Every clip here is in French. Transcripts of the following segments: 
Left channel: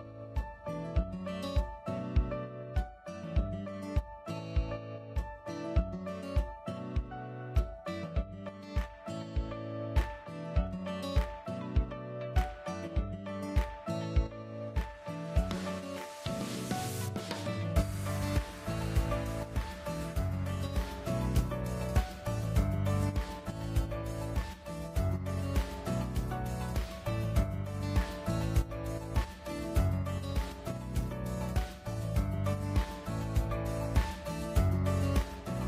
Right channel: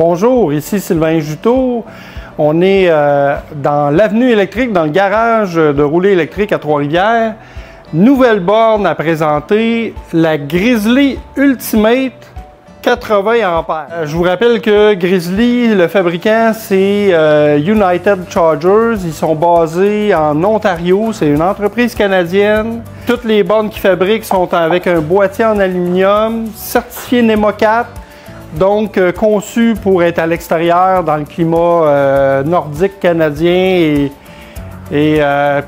Bonjour, ici Sylvain Juteau. On est dans l'avenue électrique, dans le garage de rouler électrique à Trois-Rivières. Nouvelle borne à présenter, la Grizzly Ultimate 80 ampères. Je vous rappelle que Grizzly, le fabricant, c'est United Chargers. Ils sont basés en Ontario. C'est une entreprise canadienne. Toutes les bornes qu'ils fabriquent sont avec un boîtier en aluminium, certifié NEMA 4. Donc, conçu pour être à l'extérieur dans le climat nordique canadien et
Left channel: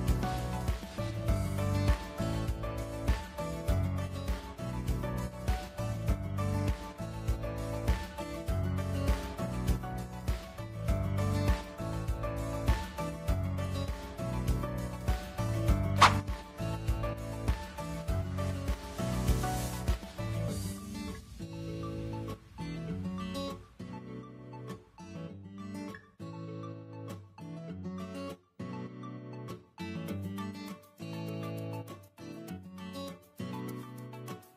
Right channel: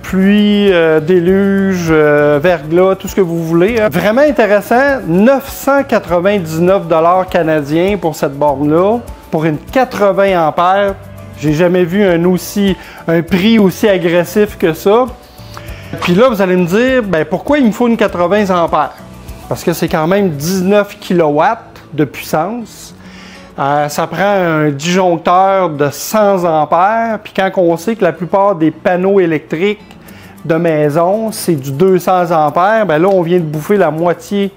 pluie, déluge, verglas, tout ce que vous voulez. Vraiment intéressant, 999 canadiens pour cette borne-là, pour une 80 ampères. J'ai jamais vu un prix aussi agressif que ça. Puis là, vous allez me dire, ben, pourquoi il me faut une 80 ampères? Parce que c'est quand même 19 kW de puissance. Ça prend un disjoncteur de 100 ampères. Puis quand on sait que la plupart des panneaux électriques de maison, c'est du 200 ampères, bien là, on vient de bouffer la moitié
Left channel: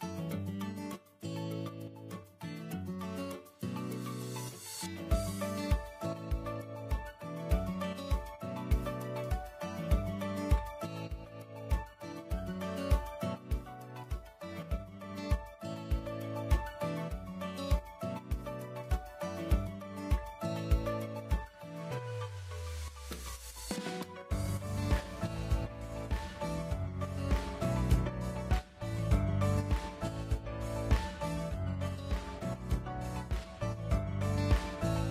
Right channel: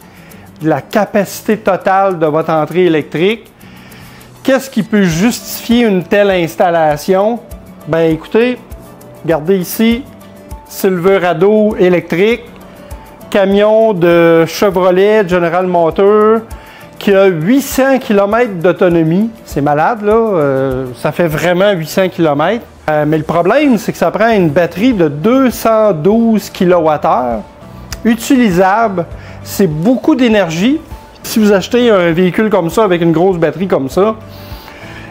de la capacité totale de votre entrée électrique. Qu'est-ce qui peut justifier une telle installation? Bien, écoutez, regardez ici, Silverado électrique, camion de Chevrolet General Motors, qui a 800 km d'autonomie. C'est malade, là. Ça fait vraiment 800 km. Mais le problème, c'est que ça prend une batterie de 212 kWh, utilisable. C'est beaucoup d'énergie. Si vous achetez un véhicule comme ça, avec une grosse batterie comme ça,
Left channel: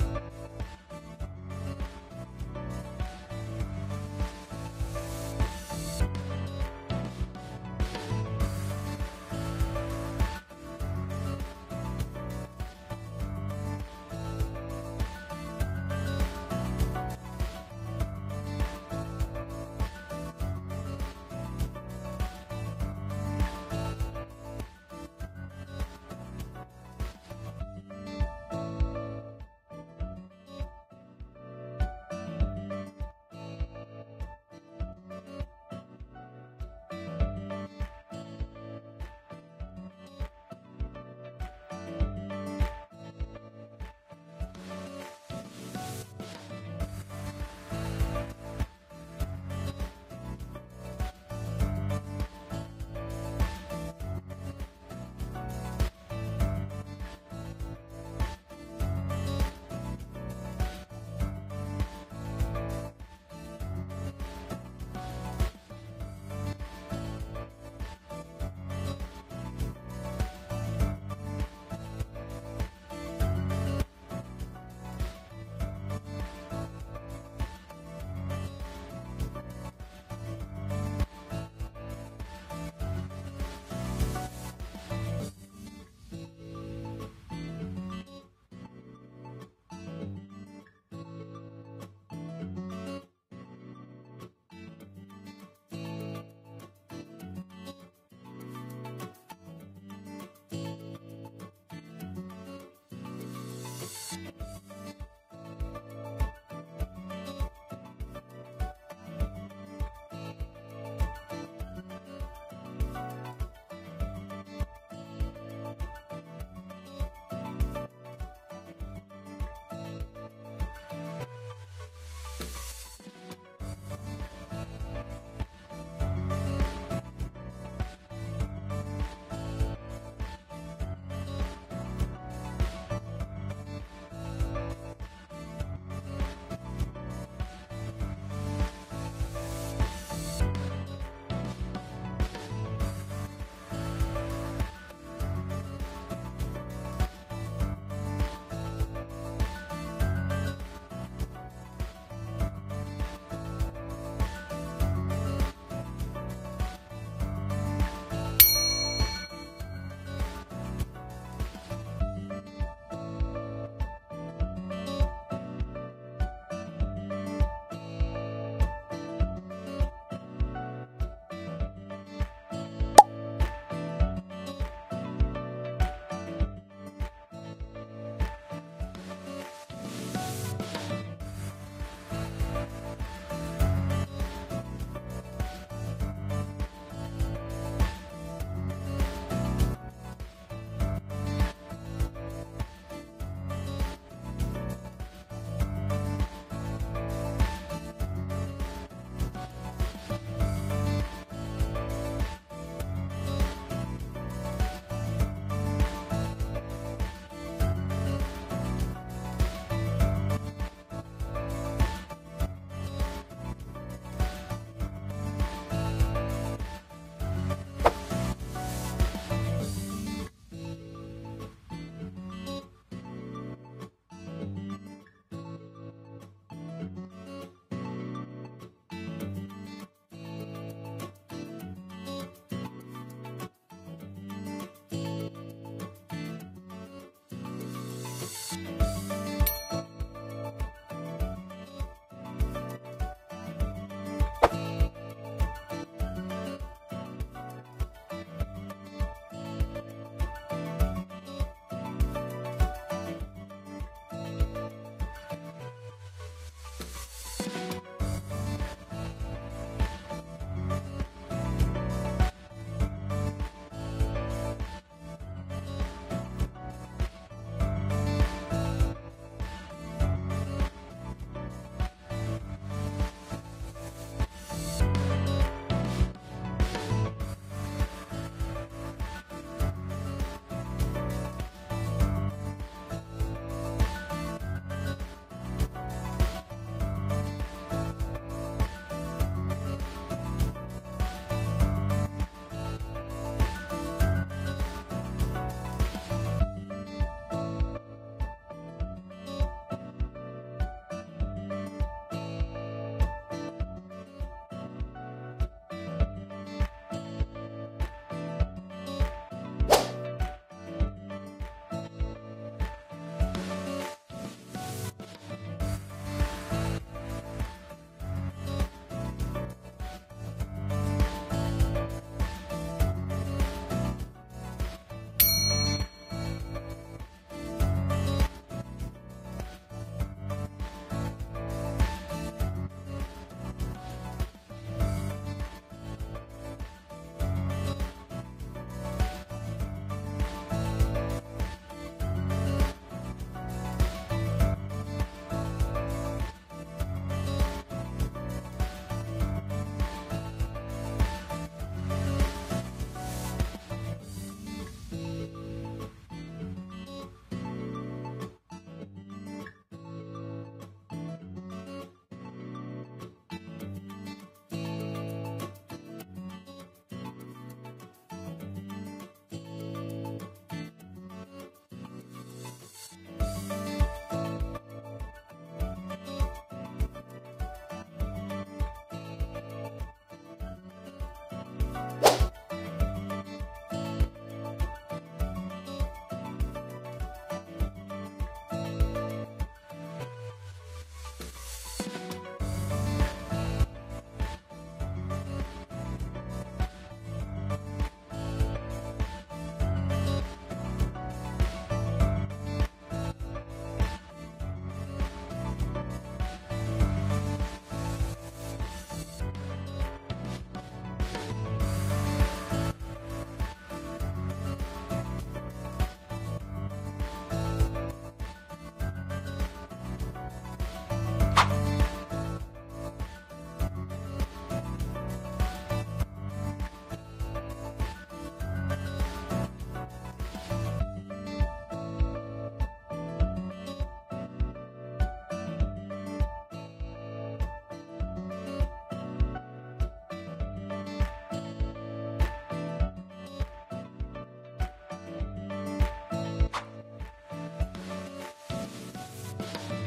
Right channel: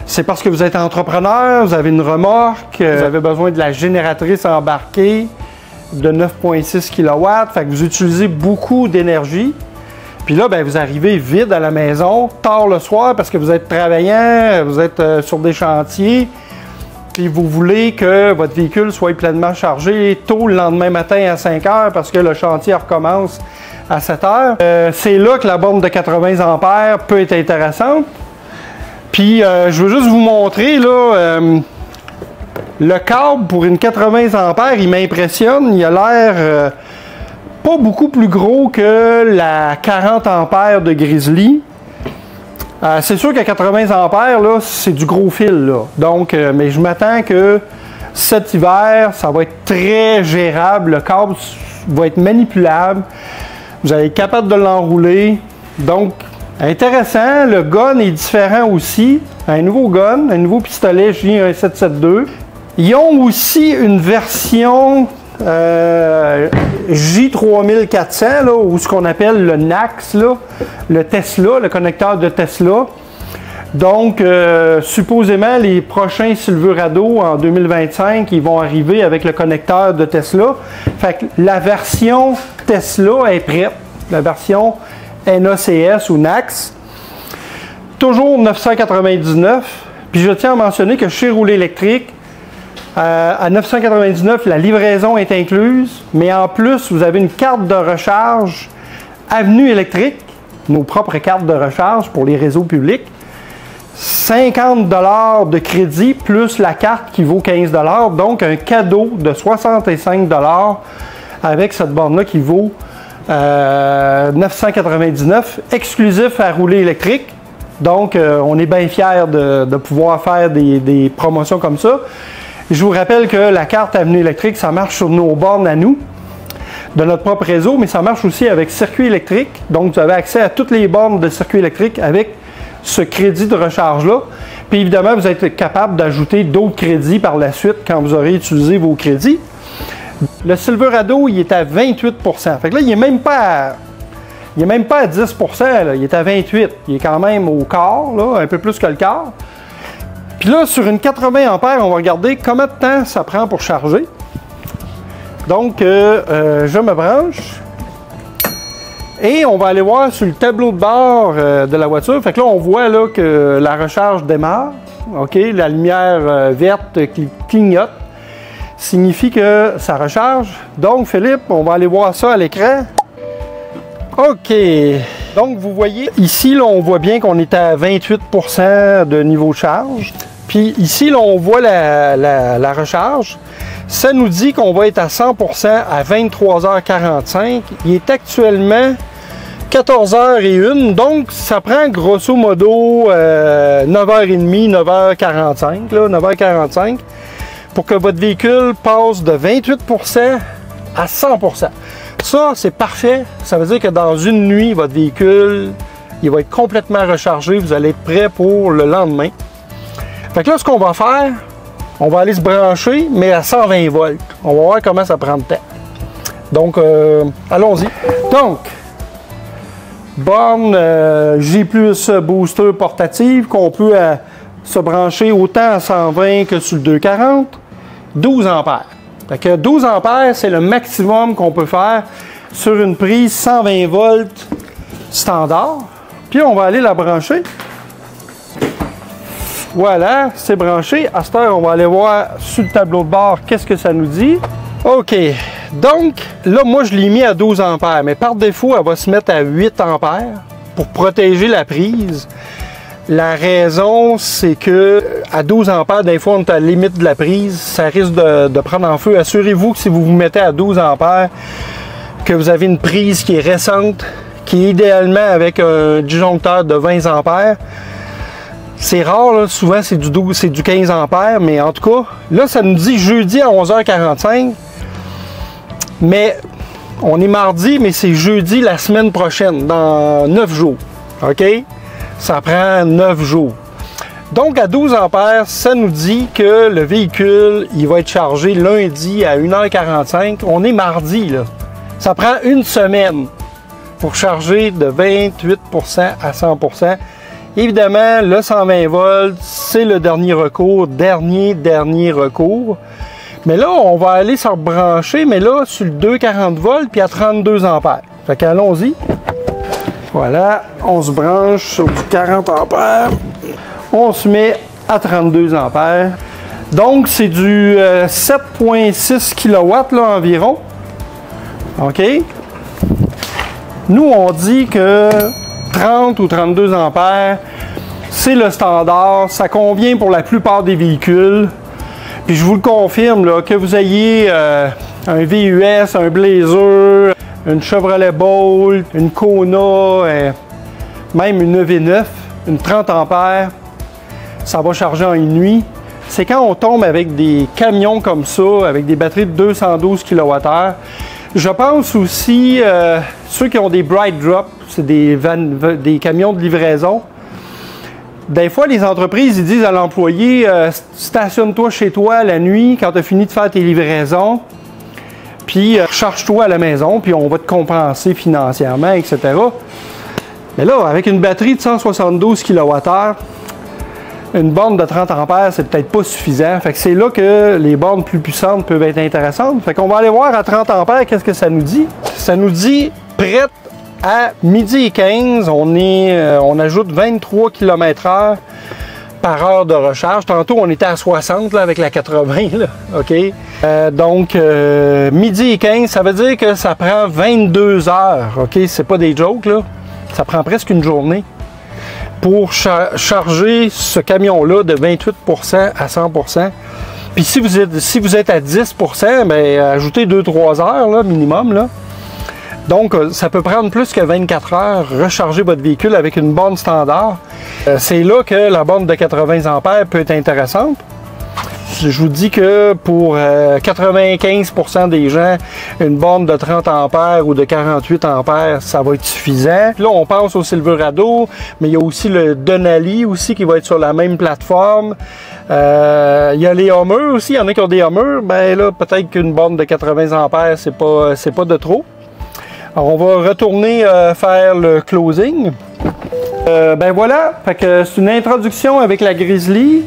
c'est parce que vous êtes entrepreneur, vous avez une remorque, vous avez besoin de la génératrice embarquée de 9,6 kW. Fait que vous utilisez beaucoup d'énergie. Puis là, bien, vous arrivez vide à la maison, tard le soir, parce que vous êtes travaillant, vous êtes sur des chantiers, puis vous voulez que votre véhicule soit pleinement chargé tôt le lendemain matin à 5 heures, parce que le chantier recommence à 7 heures. C'est là que la borne de 80 ampères peut être intéressante. Puis, je veux juste vous montrer, là, le câble pour une 80 ampères, il m'impressionne. Il a l'air pas beaucoup plus gros que la 40 ampères de Grizzly. C'est sûr qu'à 80 ampères, là, c'est du gros fil, là. Donc, mais je m'attends que cet hiver, ça va être très gérable. Le câble va être manipulable. Vous allez être capable de l'enrouler. Donc, intéressant. Le gun est différent aussi. Un nouveau gun, un nouveau pistolet J1772. Ils ont aussi une version J3400, là, ou ce qu'on appelle le NACS, là, le Tesla, le connecteur de Tesla. Donc, supposément, les prochains Silverado en 2025, ils vont arriver avec le connecteur de Tesla. Fait que la version Tesla est prête, la version NACS ou NACS. Toujours 999. Puis je tiens à mentionner que chez Rouler électrique, à 999, la livraison est incluse, mais en plus, vous avez une carte de recharge Avenue électrique, nos propres cartes de recharge pour les réseaux publics. 50 $ de crédit plus la carte qui vaut 15 $, donc un cadeau de 65 $ avec cette borne-là qui vaut 999, exclusif à Rouler électrique. Donc, on est bien fiers de pouvoir faire des promotions comme ça. Je vous rappelle que la carte Avenue électrique, ça marche sur nos bornes à nous, de notre propre réseau, mais ça marche aussi avec circuit électrique. Donc, vous avez accès à toutes les bornes de circuit électrique avec ce crédit de recharge-là. Puis évidemment, vous êtes capable d'ajouter d'autres crédits par la suite quand vous aurez utilisé vos crédits. Le Silverado, il est à 28 %. Fait que là, il n'est même pas à 10 %, là. Il est à 28 %. Il est quand même au quart, là, un peu plus que le quart. Puis là, sur une 80 ampères, on va regarder combien de temps ça prend pour charger. Donc, je me branche. Et on va aller voir sur le tableau de bord de la voiture. Fait que là, on voit là, que la recharge démarre. OK, la lumière verte qui clignote signifie que ça recharge. Donc, Philippe, on va aller voir ça à l'écran. OK. Donc, vous voyez, ici, là, on voit bien qu'on est à 28 % de niveau de charge. Puis ici, là, on voit la recharge. Ça nous dit qu'on va être à 100 % à 23h45. Il est actuellement 14h01, donc ça prend grosso modo 9h30, 9h45, là, 9h45, pour que votre véhicule passe de 28% à 100%. Ça, c'est parfait. Ça veut dire que dans une nuit, votre véhicule, il va être complètement rechargé. Vous allez être prêt pour le lendemain. Fait que là, ce qu'on va faire, on va aller se brancher, mais à 120 volts. On va voir comment ça prend de temps. Donc, allons-y. Donc, borne J+ booster portative qu'on peut se brancher autant à 120 que sur le 240. 12 ampères. Fait que 12 ampères, c'est le maximum qu'on peut faire sur une prise 120 volts standard. Puis on va aller la brancher. Voilà, c'est branché. À cette heure, on va aller voir sur le tableau de bord qu'est-ce que ça nous dit. OK. Donc, là, moi, je l'ai mis à 12 ampères, mais par défaut, elle va se mettre à 8 ampères pour protéger la prise. La raison, c'est que à 12 ampères, des fois, on est à la limite de la prise. Ça risque de prendre en feu. Assurez-vous que si vous vous mettez à 12 ampères, que vous avez une prise qui est récente, qui est idéalement avec un disjoncteur de 20 ampères. C'est rare, là. Souvent c'est du 12, c'est du 15 ampères, mais en tout cas, là ça nous dit jeudi à 11h45, mais on est mardi, mais c'est jeudi la semaine prochaine, dans 9 jours, OK? Ça prend 9 jours. Donc à 12 ampères, ça nous dit que le véhicule, il va être chargé lundi à 1h45, on est mardi, là. Ça prend une semaine pour charger de 28% à 100%. Évidemment, le 120 volts, c'est le dernier recours, dernier recours. Mais là, on va aller se rebrancher, mais là, sur le 240 volts, puis à 32 ampères. Fait qu'allons-y. Voilà, on se branche sur du 40 ampères. On se met à 32 ampères. Donc, c'est du 7,6 kW là, environ. OK? Nous, on dit que 30 ou 32 ampères, c'est le standard. Ça convient pour la plupart des véhicules. Puis je vous le confirme, là, que vous ayez un VUS, un Blazer, une Chevrolet Bolt, une Kona, même une EV9, une 30 ampères, ça va charger en une nuit. C'est quand on tombe avec des camions comme ça, avec des batteries de 212 kWh. Je pense aussi, ceux qui ont des Bright Drop, c'est des camions de livraison. Des fois, les entreprises ils disent à l'employé, stationne-toi chez toi la nuit quand tu as fini de faire tes livraisons, puis recharge-toi à la maison, puis on va te compenser financièrement, etc. Mais là, avec une batterie de 172 kWh, une borne de 30 ampères, c'est peut-être pas suffisant. Fait que c'est là que les bornes plus puissantes peuvent être intéressantes. Fait qu'on va aller voir à 30 ampères qu'est-ce que ça nous dit. Ça nous dit prête à 12h15. On ajoute 23 km/h par heure de recharge. Tantôt, on était à 60 là, avec la 80. Là. OK? Donc, 12h15, ça veut dire que ça prend 22 heures. OK? C'est pas des jokes, là. Ça prend presque une journée pour charger ce camion-là de 28% à 100%. Puis si vous êtes à 10%, bien, ajoutez 2-3 heures là, minimum. Là. Donc, ça peut prendre plus que 24 heures recharger votre véhicule avec une borne standard. C'est là que la borne de 80 ampères peut être intéressante. Je vous dis que pour 95% des gens, une borne de 30 ampères ou de 48 ampères, ça va être suffisant. Là, on pense au Silverado, mais il y a aussi le Denali aussi qui va être sur la même plateforme. Il y a les Hummer aussi, il y en a qui ont des Hummer. Ben là, peut-être qu'une borne de 80 ampères, c'est pas de trop. Alors, on va retourner faire le closing. Ben voilà, fait que c'est une introduction avec la Grizzly.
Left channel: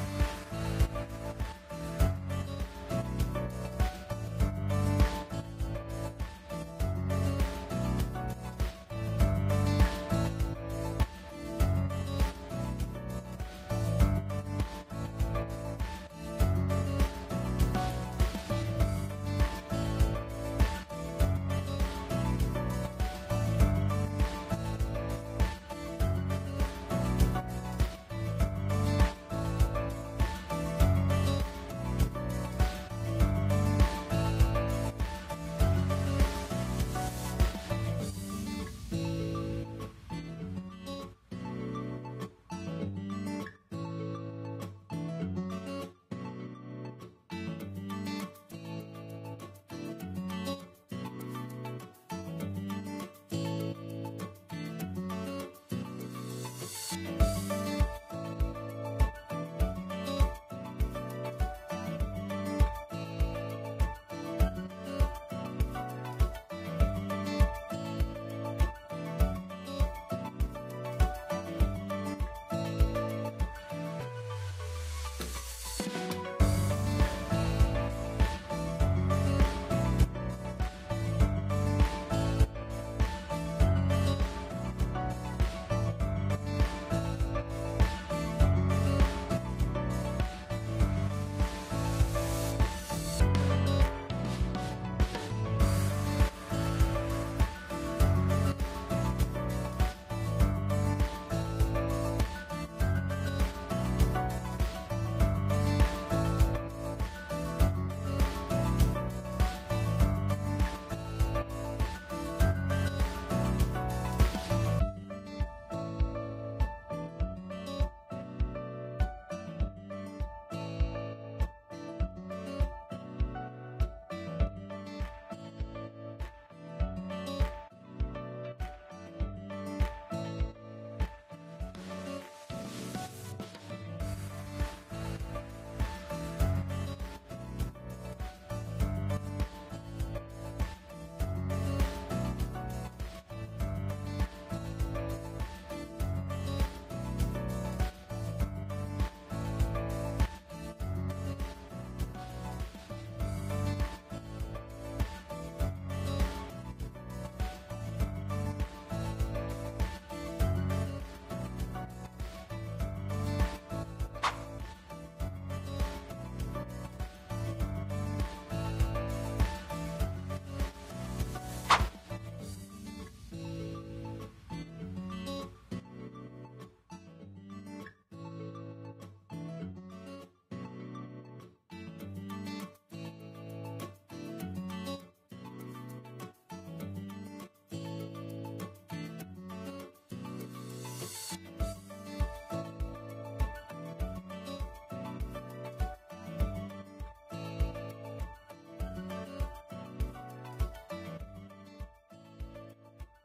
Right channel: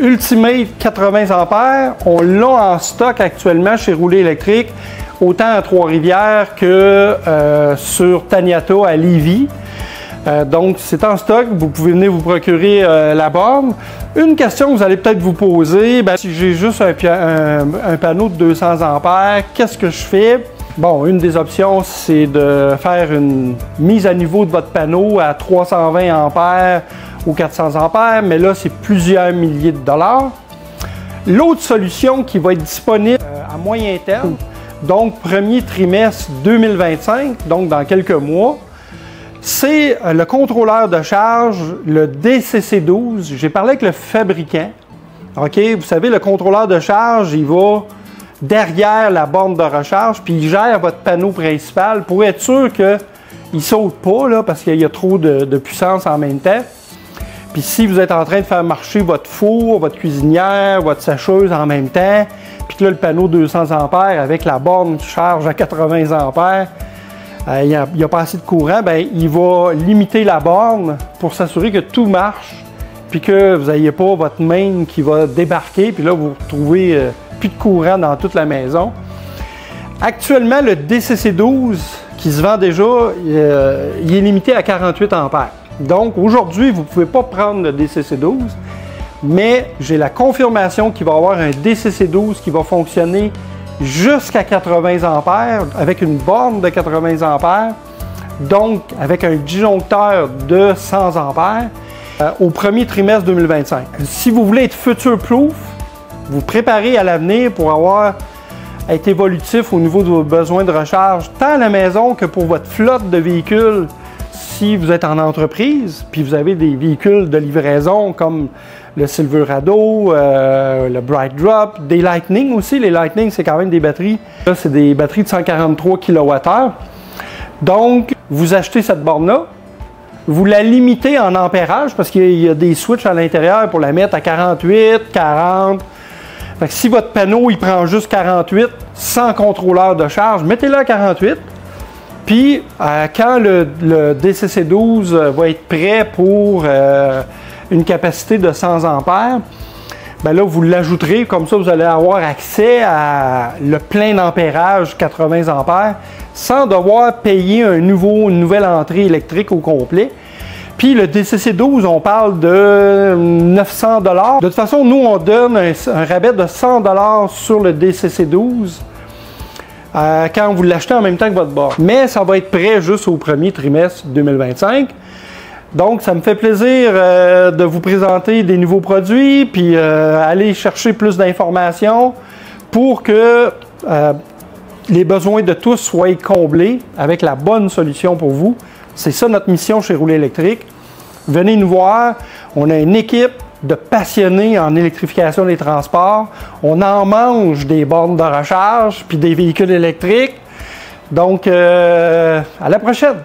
Ultimate 80 ampères, on l'a en stock actuellement chez Rouler électrique, autant à Trois-Rivières que sur Taniata à Lévis. Donc c'est en stock, vous pouvez venir vous procurer la borne. Une question que vous allez peut-être vous poser, ben, si j'ai juste un panneau de 200 ampères, qu'est-ce que je fais? Bon, une des options, c'est de faire une mise à niveau de votre panneau à 320 ampères ou 400 ampères, mais là, c'est plusieurs milliers de dollars. L'autre solution qui va être disponible à moyen terme, donc premier trimestre 2025, donc dans quelques mois, c'est le contrôleur de charge, le DCC12. J'ai parlé avec le fabricant. OK? Vous savez, le contrôleur de charge, il va derrière la borne de recharge, puis il gère votre panneau principal pour être sûr qu'il ne saute pas, là, parce qu'il y a trop de puissance en même temps. Puis si vous êtes en train de faire marcher votre four, votre cuisinière, votre sécheuse en même temps, puis que là, le panneau 200 A avec la borne charge à 80 A, il n'y a pas assez de courant, bien, il va limiter la borne pour s'assurer que tout marche, puis que vous n'ayez pas votre main qui va débarquer, puis là, vous retrouvez plus de courant dans toute la maison. Actuellement, le DCC12 qui se vend déjà, il est limité à 48 A. Donc, aujourd'hui, vous ne pouvez pas prendre le DCC12, mais j'ai la confirmation qu'il va y avoir un DCC12 qui va fonctionner jusqu'à 80 A avec une borne de 80 A, donc avec un disjoncteur de 100 A au premier trimestre 2025. Si vous voulez être future-proof, vous préparez à l'avenir pour être évolutif au niveau de vos besoins de recharge, tant à la maison que pour votre flotte de véhicules. Si vous êtes en entreprise, puis vous avez des véhicules de livraison comme le Silverado, le Bright Drop, des Lightning aussi. Les Lightning, c'est quand même des batteries. Là, c'est des batteries de 143 kWh. Donc, vous achetez cette borne-là, vous la limitez en ampérage parce qu'il y a des switches à l'intérieur pour la mettre à 48, 40. Fait que si votre panneau, il prend juste 48 sans contrôleur de charge, mettez-le à 48. Puis, quand le DCC12 va être prêt pour une capacité de 100 A, bien là, vous l'ajouterez. Comme ça, vous allez avoir accès à le plein d'ampérage 80 A sans devoir payer une nouvelle entrée électrique au complet. Puis le DCC12, on parle de 900 $. De toute façon, nous, on donne un rabais de 100 $ sur le DCC12. Quand vous l'achetez en même temps que votre borne. Mais ça va être prêt juste au premier trimestre 2025. Donc, ça me fait plaisir de vous présenter des nouveaux produits, puis aller chercher plus d'informations pour que les besoins de tous soient comblés avec la bonne solution pour vous. C'est ça notre mission chez Rouler Électrique. Venez nous voir. On a une équipe de passionnés en électrification des transports. On en mange des bornes de recharge puis des véhicules électriques. Donc, à la prochaine!